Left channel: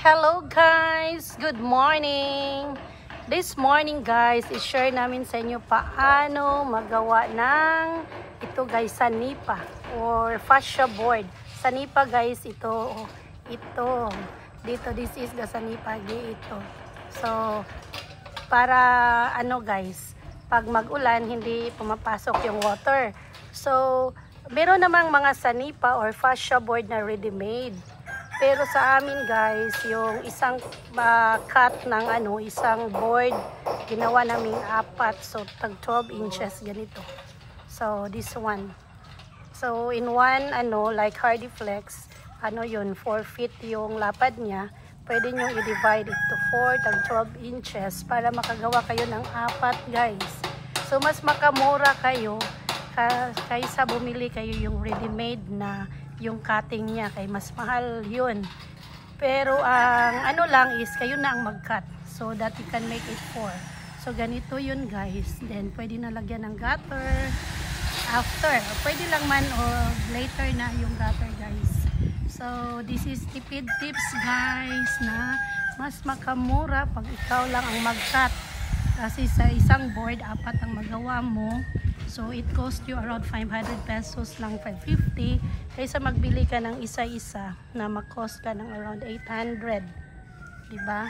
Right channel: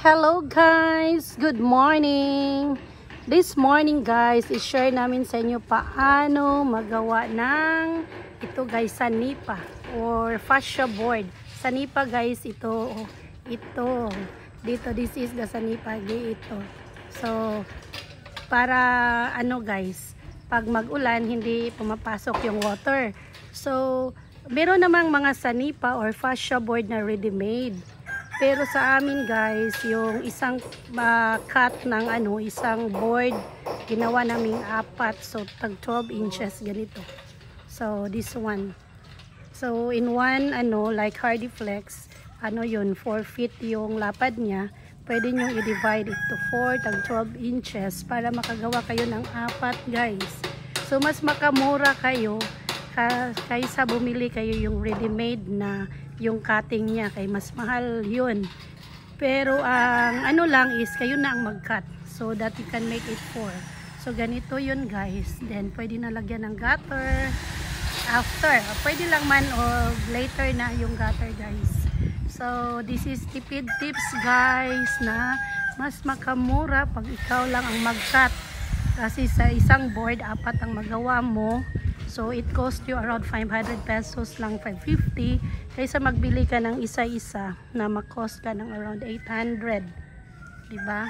Hello guys! Good morning! This morning guys, i-share namin sa inyo paano magawa ng ito guys, sanipa or fascia board. Sanipa guys, ito dito, this is the sanipa ito. So, para ano guys, pag mag-ulan, hindi pumapasok yung water. So, meron namang mga sanipa or fascia board na ready-made. Pero sa amin guys, yung isang cut ng isang board, ginawa namin 4. So, tag 12 inches ganito. So, this one. So, in one, like Hardy Flex, yun, 4 feet yung lapad niya. Pwede nyo i-divide it to 4, tag 12 inches para makagawa kayo ng 4 guys. So, mas makamura kayo kaysa bumili kayo yung ready-made na yung cutting niya, kay mas mahal yun. Pero ang lang is kayo na ang mag-cut so that you can make it 4. So ganito yun guys. Then pwede na lagyan ng gutter after, pwede lang man o later na yung gutter guys. So this is tipid tips guys na mas makamura pag ikaw lang ang mag-cut. Kasi sa isang board, 4 ang magawa mo. So, it cost you around 500 pesos lang, 550. Kaysa magbili ka ng isa-isa na mag-cost ka ng around 800. Diba?